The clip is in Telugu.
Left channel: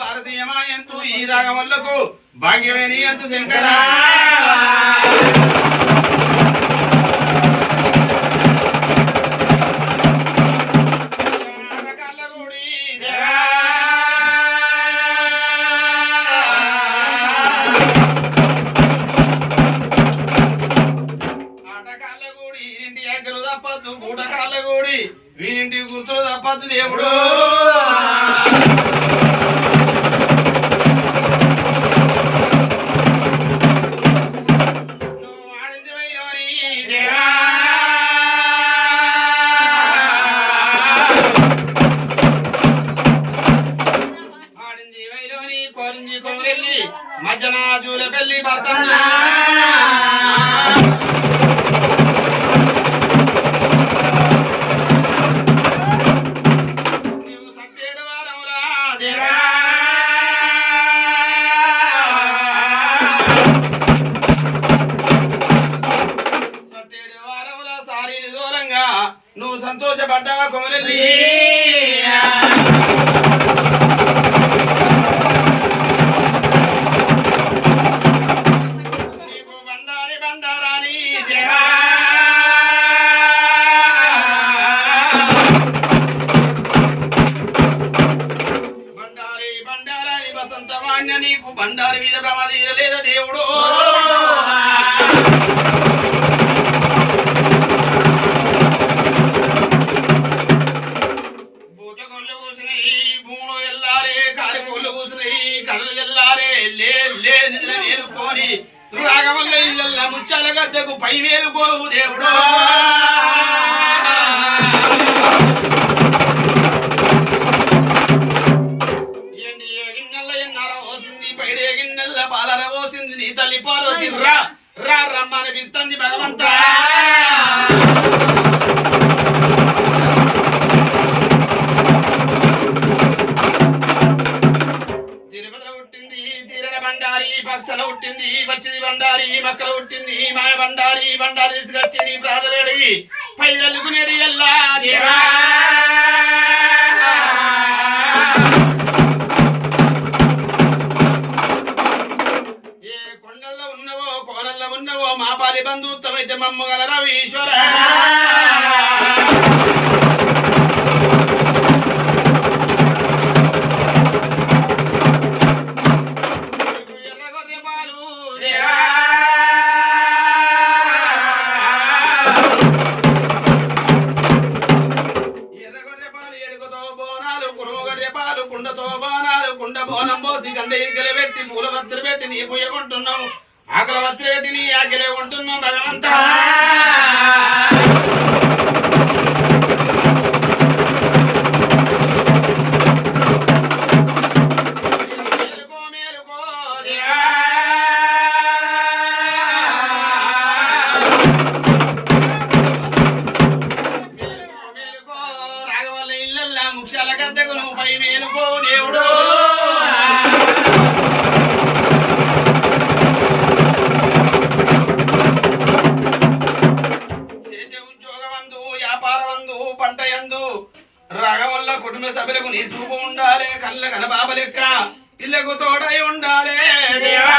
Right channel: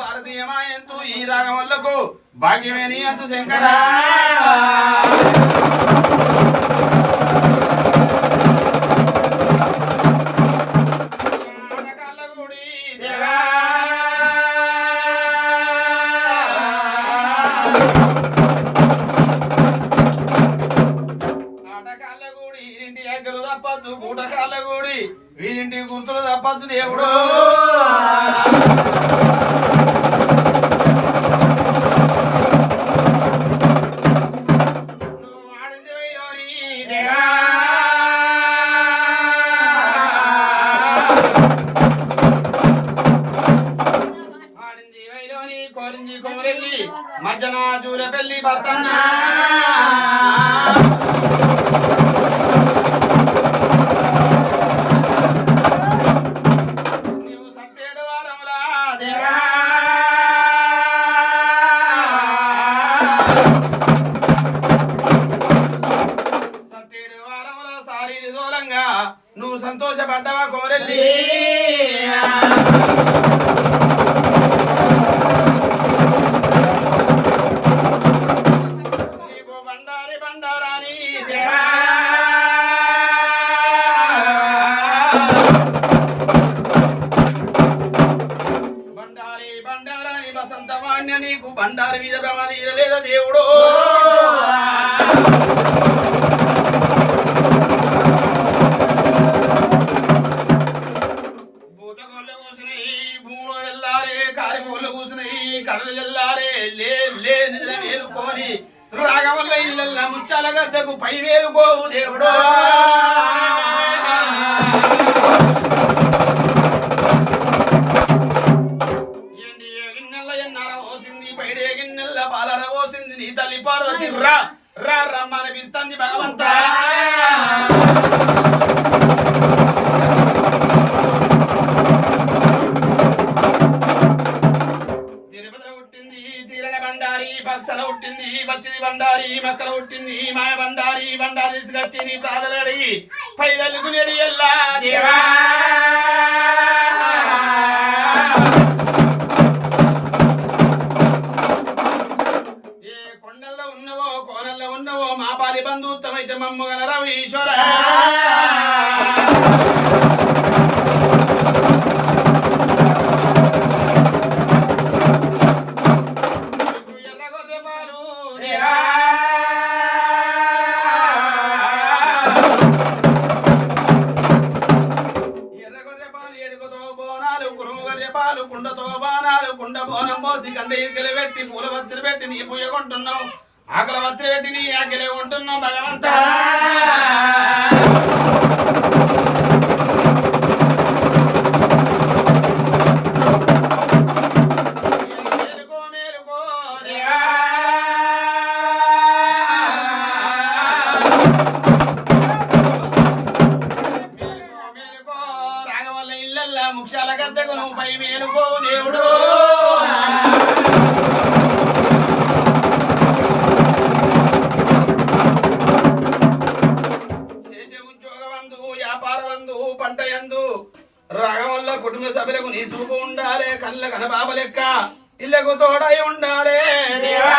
భారతీయమాయంతు ఈ రాగములకు భాగ్యమేనియంతు శంకరా. కోరింది కొమరెల్లి మధ్యన జూల పెళ్ళి భర్తన్నా. సంతోషపడ్డావా కుమరెల్లి? నీకు బండారి మీద ప్రమాదం లేదా దేవుడు? పోసింది పైడే గిన్నెల పాలర పోసింది నీ తల్లి పార్వతి రా రా రమ్మని పిలుతుంది భగవంతా. బండారి పక్షల పుట్టింది వచ్చింది బండారి మక్కల పుట్టింది మాయ బండారి బండారి తీసుకొచ్చి నీ ప్రాధలడి పై తల్లుకునేడి ఎల్లా దేవా. ఏ కొండల్లో ఉన్నవో కోనల్లో ఉన్నవో మా పాలి బంధుత్వమైతే మమ్మగలరా ఈశ్వర. కుండ బోనం పోసి గండ ఇరికలు పెట్టి మూల వచ్చలు పెట్టి నీ పూయ కొంటున్నావు. ఆకల వత్తిరి పెట్టి నీ ఆకలే కొంటున్నావు. భగవంతా! ఇళ్ళల్లా ముక్షాల ముఖ్యాల గద్దెకు నువ్వు పై మేలుకో దేవుడు. చేసే ఉద్యోగమందు వ్యాపారమందు పంట యందు రాగవల్ల కుటుంబ సభ్యులకు నీ చూపు ఉండాలి కళ్ళ కనబాబ లెక్క ఇళ్ళకు తోడై ఉండాలి. దేవా